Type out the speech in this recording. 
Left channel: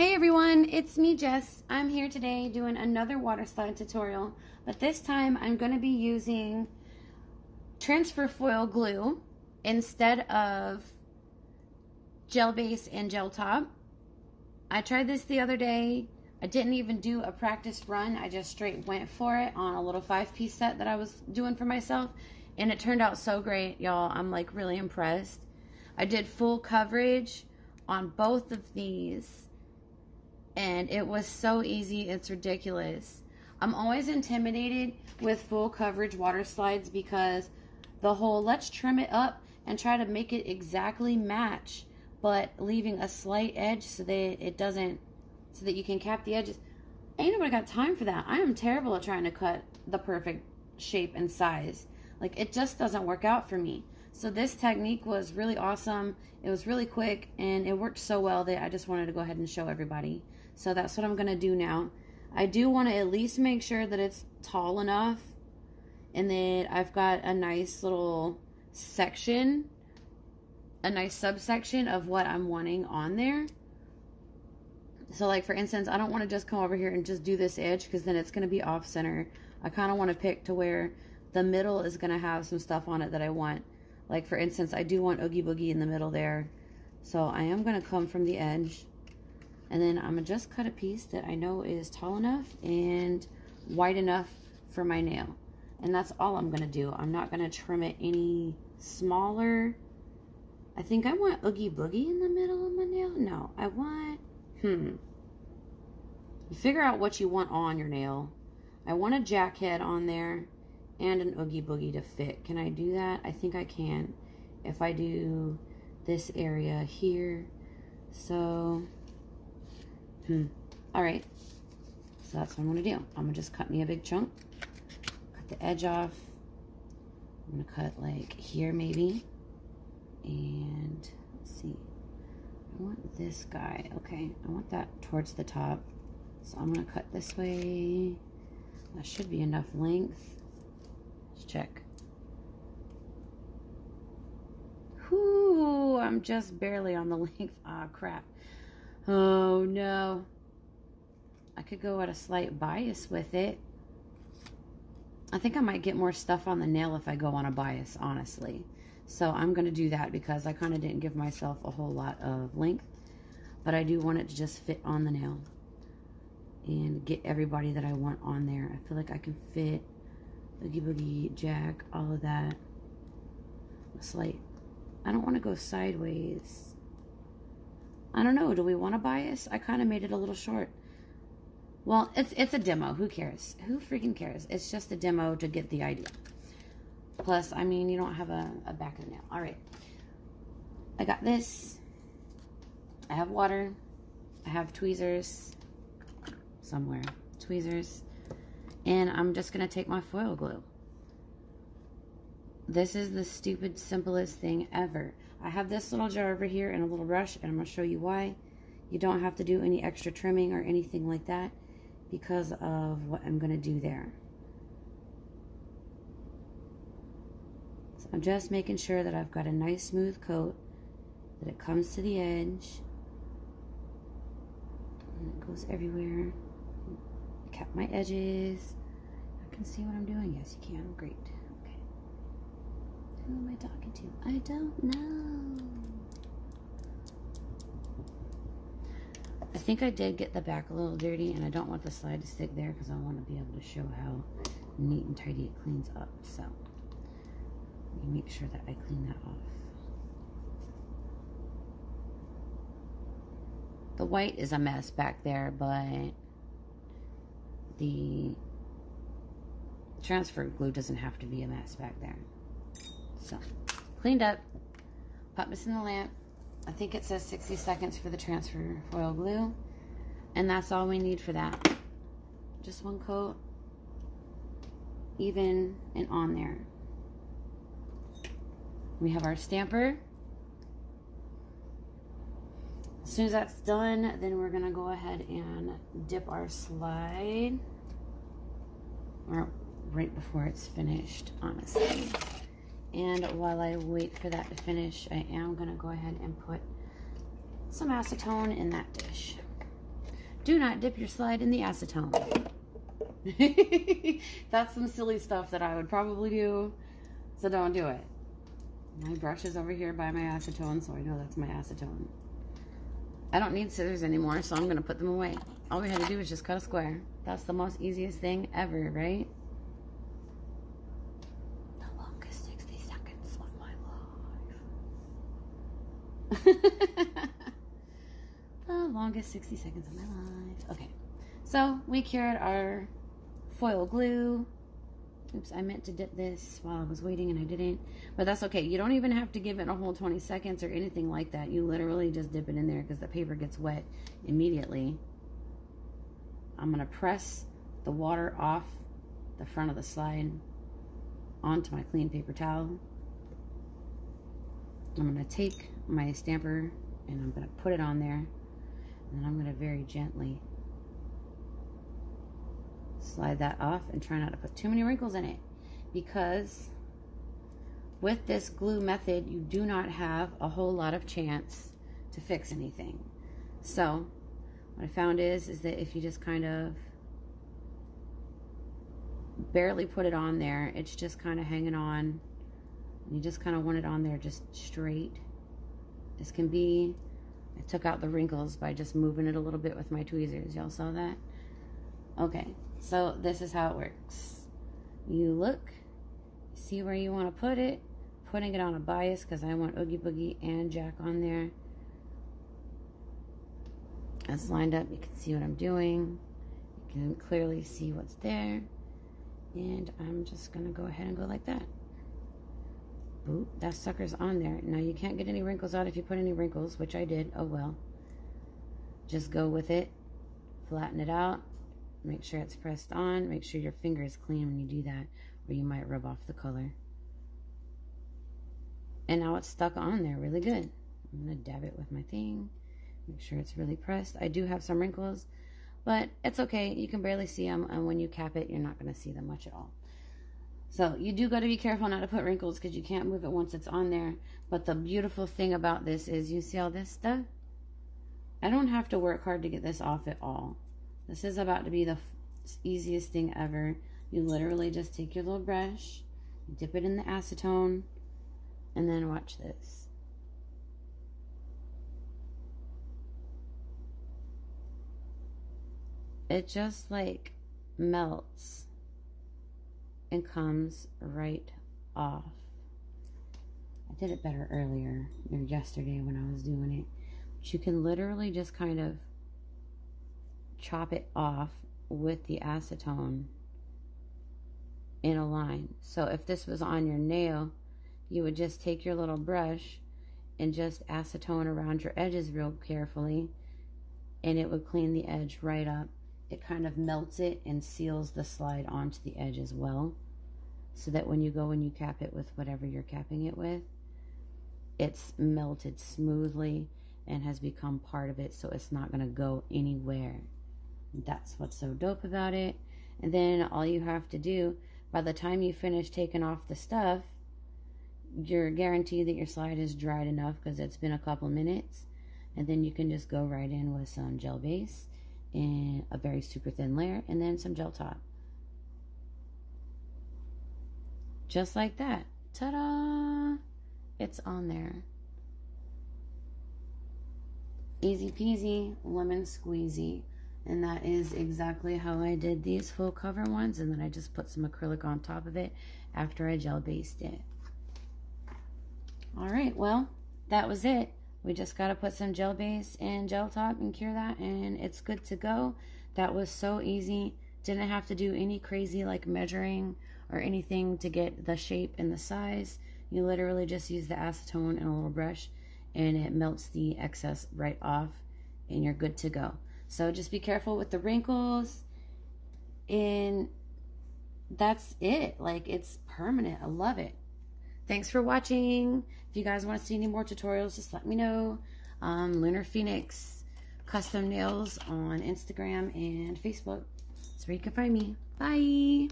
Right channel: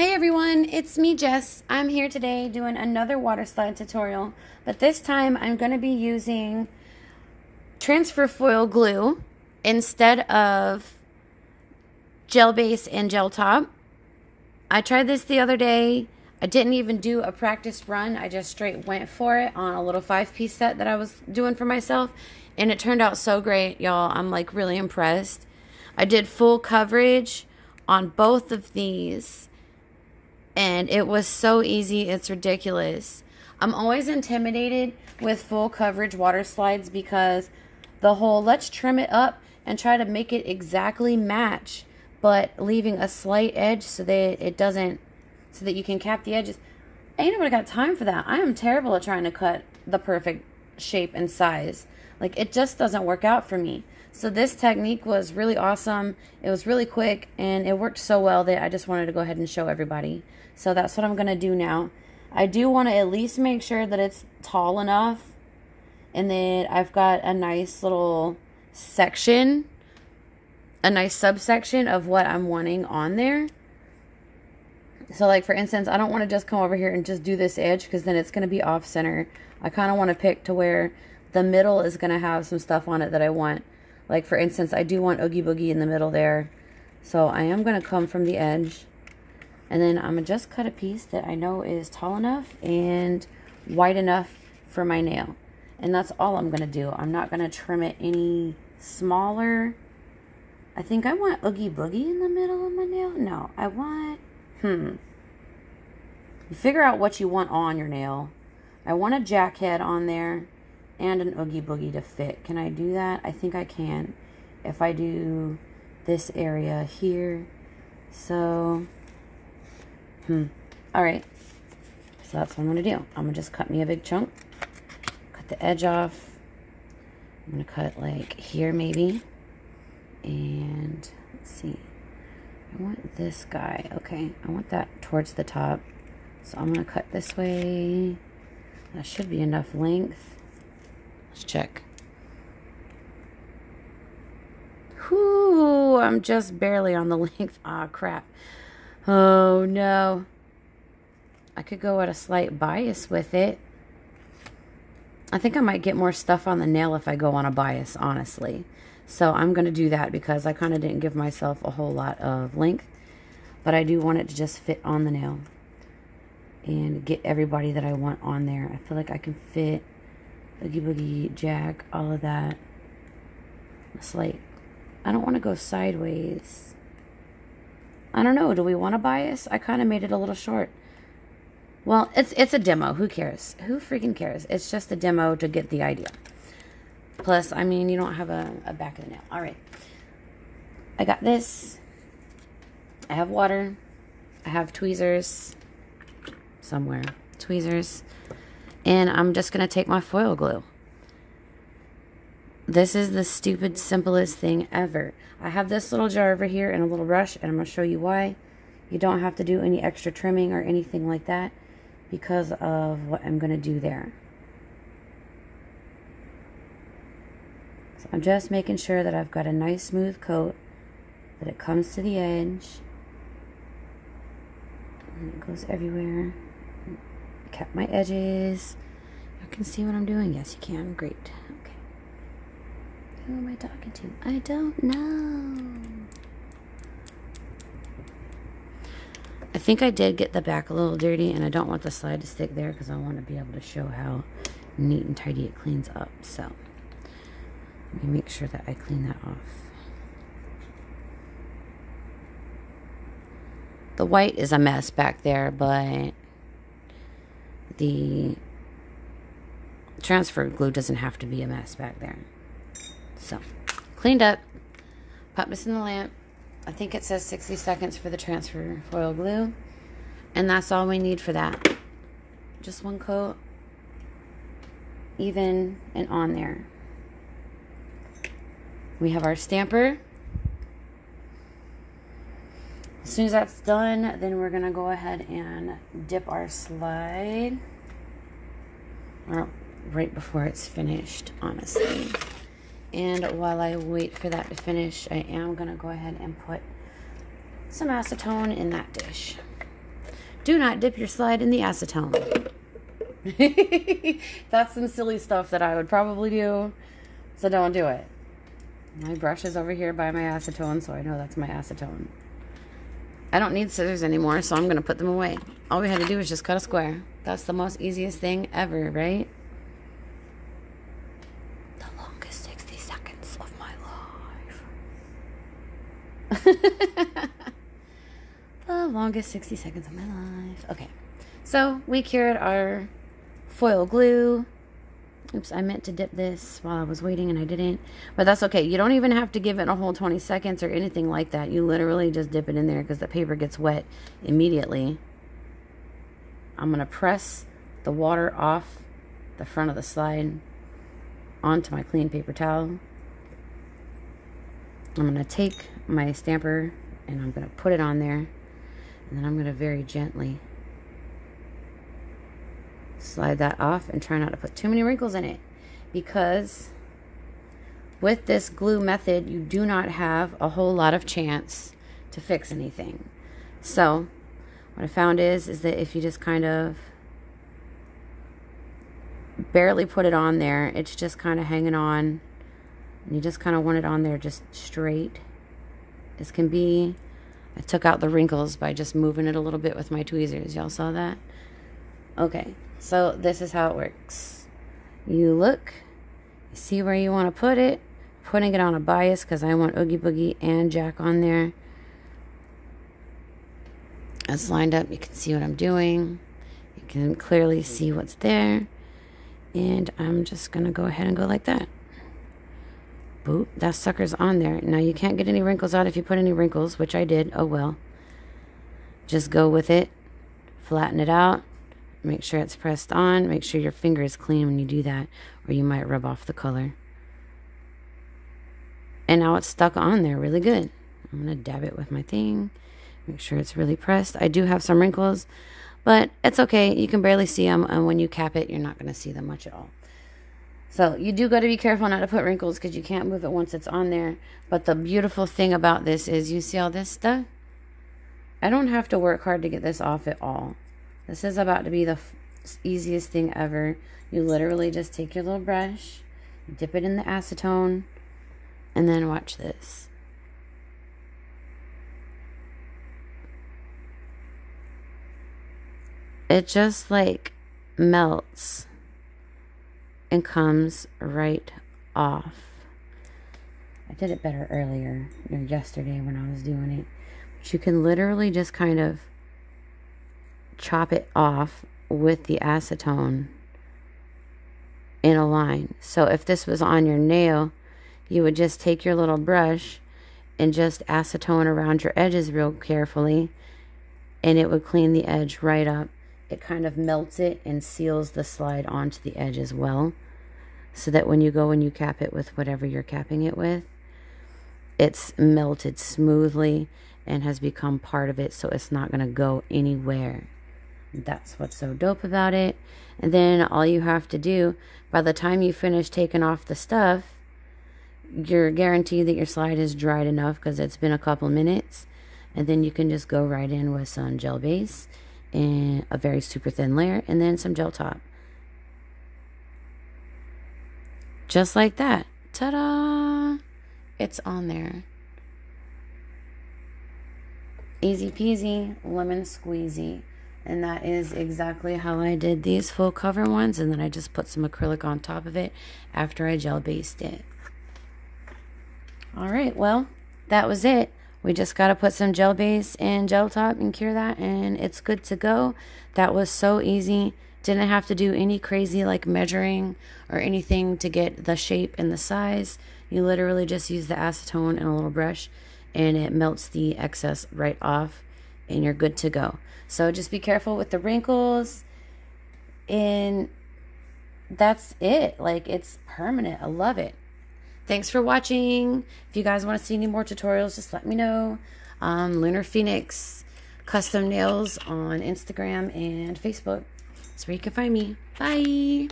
Hey everyone, it's me Jess. I'm here today doing another water slide tutorial, but this time I'm going to be using transfer foil glue instead of gel base and gel top. I tried this the other day. I didn't even do a practice run. I just straight went for it on a little 5-piece set that I was doing for myself, and it turned out so great, y'all. I'm like really impressed. I did full coverage on both of these, and it was so easy, it's ridiculous. I'm always intimidated with full coverage water slides because the whole let's trim it up and try to make it exactly match, but leaving a slight edge so that it doesn't, so that you can cap the edges. Ain't nobody got time for that. I am terrible at trying to cut the perfect shape and size. Like, it just doesn't work out for me. So this technique was really awesome. It was really quick, and it worked so well that I just wanted to go ahead and show everybody. So that's what I'm going to do now. I do want to at least make sure that it's tall enough, and then I've got a nice little section, a nice subsection of what I'm wanting on there. So like for instance, I don't want to just come over here and just do this edge because then it's going to be off center. I kind of want to pick to where the middle is going to have some stuff on it that I want. Like for instance, I do want Oogie Boogie in the middle there. So I am going to come from the edge. And then I'm going to just cut a piece that I know is tall enough and wide enough for my nail. And that's all I'm going to do. I'm not going to trim it any smaller. I think I want Oogie Boogie in the middle of my nail. No, I want... You figure out what you want on your nail. I want a jackhead on there and an Oogie Boogie to fit. Can I do that? I think I can. If I do this area here. So... Alright, so that's what I'm going to do. I'm going to just cut me a big chunk, cut the edge off. I'm going to cut like here maybe, and let's see, I want this guy, okay, I want that towards the top, so I'm going to cut this way. That should be enough length. Let's check. Whoo, I'm just barely on the length. Ah, crap. Oh no, I could go at a slight bias with it. I think I might get more stuff on the nail if I go on a bias, honestly. So I'm going to do that because I kind of didn't give myself a whole lot of length. But I do want it to just fit on the nail and get everybody that I want on there. I feel like I can fit Oogie Boogie, Jack, all of that. It's like, I don't want to go sideways. I don't know. Do we want a bias? I kind of made it a little short. Well, it's a demo. Who cares? Who freaking cares? It's just a demo to get the idea. Plus, I mean, you don't have a back of the nail. All right. I got this. I have water. I have tweezers somewhere. Tweezers. And I'm just going to take my foil glue. This is the stupid, simplest thing ever. I have this little jar over here and a little brush, and I'm going to show you why. You don't have to do any extra trimming or anything like that because of what I'm going to do there. So I'm just making sure that I've got a nice smooth coat, that it comes to the edge, and it goes everywhere. Cap my edges. You can see what I'm doing? Yes, you can. Great. Who am I talking to? I don't know. I think I did get the back a little dirty, and I don't want the slide to stick there because I want to be able to show how neat and tidy it cleans up. So let me make sure that I clean that off. The white is a mess back there, but the transfer glue doesn't have to be a mess back there. So, cleaned up, pop this in the lamp. I think it says 60 seconds for the transfer foil glue. And that's all we need for that. Just one coat, even and on there. We have our stamper. As soon as that's done, then we're going to go ahead and dip our slide. Or right before it's finished, honestly. And while I wait for that to finish, I am going to go ahead and put some acetone in that dish. do not dip your slide in the acetone. That's some silly stuff that I would probably do, so don't do it. My brush is over here by my acetone, so I know that's my acetone. I don't need scissors anymore, so I'm going to put them away. All we had to do was just cut a square. That's the most easiest thing ever, right? The longest 60 seconds of my life. The longest 60 seconds of my life. Okay, so we cured our foil glue. Oops, I meant to dip this while I was waiting and I didn't. But that's okay. You don't even have to give it a whole 20 seconds or anything like that. You literally just dip it in there because the paper gets wet immediately. I'm going to press the water off the front of the slide onto my clean paper towel. I'm going to take my stamper and I'm going to put it on there. And then I'm going to very gently slide that off and try not to put too many wrinkles in it, because with this glue method you do not have a whole lot of chance to fix anything. So what I found is that if you just kind of barely put it on there, it's just kind of hanging on, and you just kind of want it on there just straight as can be. I took out the wrinkles by just moving it a little bit with my tweezers. Y'all saw that? Okay, so this is how it works. You look, you see where you want to put it, putting it on a bias because I want Oogie Boogie and Jack on there. It's lined up. You can see what I'm doing. You can clearly see what's there. And I'm just going to go ahead and go like that. Boop, that sucker's on there. Now you can't get any wrinkles out if you put any wrinkles, which I did. Oh well. Just go with it. Flatten it out. Make sure it's pressed on. Make sure your finger is clean when you do that, or you might rub off the color. And now it's stuck on there really good. I'm going to dab it with my thing. Make sure it's really pressed. I do have some wrinkles, but it's okay. You can barely see them, and when you cap it, you're not going to see them much at all. So you do got to be careful not to put wrinkles because you can't move it once it's on there. But the beautiful thing about this is, you see all this stuff? I don't have to work hard to get this off at all. This is about to be the easiest thing ever. You literally just take your little brush, dip it in the acetone, and then watch this. It just like melts and comes right off. I did it better earlier, or yesterday when I was doing it. But you can literally just kind of chop it off with the acetone in a line. So if this was on your nail, you would just take your little brush and just acetone around your edges real carefully, and it would clean the edge right up. It kind of melts it and seals the slide onto the edge as well, so that when you go and you cap it with whatever you're capping it with, it's melted smoothly and has become part of it, so it's not going to go anywhere. That's what's so dope about it. And then all you have to do, by the time you finish taking off the stuff, you're guaranteed that your slide is dried enough because it's been a couple minutes. And then you can just go right in with some gel base and a very super thin layer, and then some gel top. Just like that. Ta-da! It's on there. Easy peasy, lemon squeezy. And that is exactly how I did these full cover ones. And then I just put some acrylic on top of it after I gel based it. Alright, well, that was it. We just got to put some gel base and gel top and cure that, and it's good to go. That was so easy. Didn't have to do any crazy like measuring or anything to get the shape and the size. You literally just use the acetone and a little brush, and it melts the excess right off, and you're good to go. So just be careful with the wrinkles, and that's it. Like, it's permanent. I love it. Thanks for watching. If you guys want to see any more tutorials, just let me know. Lunar Phoenix Custom Nails on Instagram and Facebook. That's where you can find me. Bye.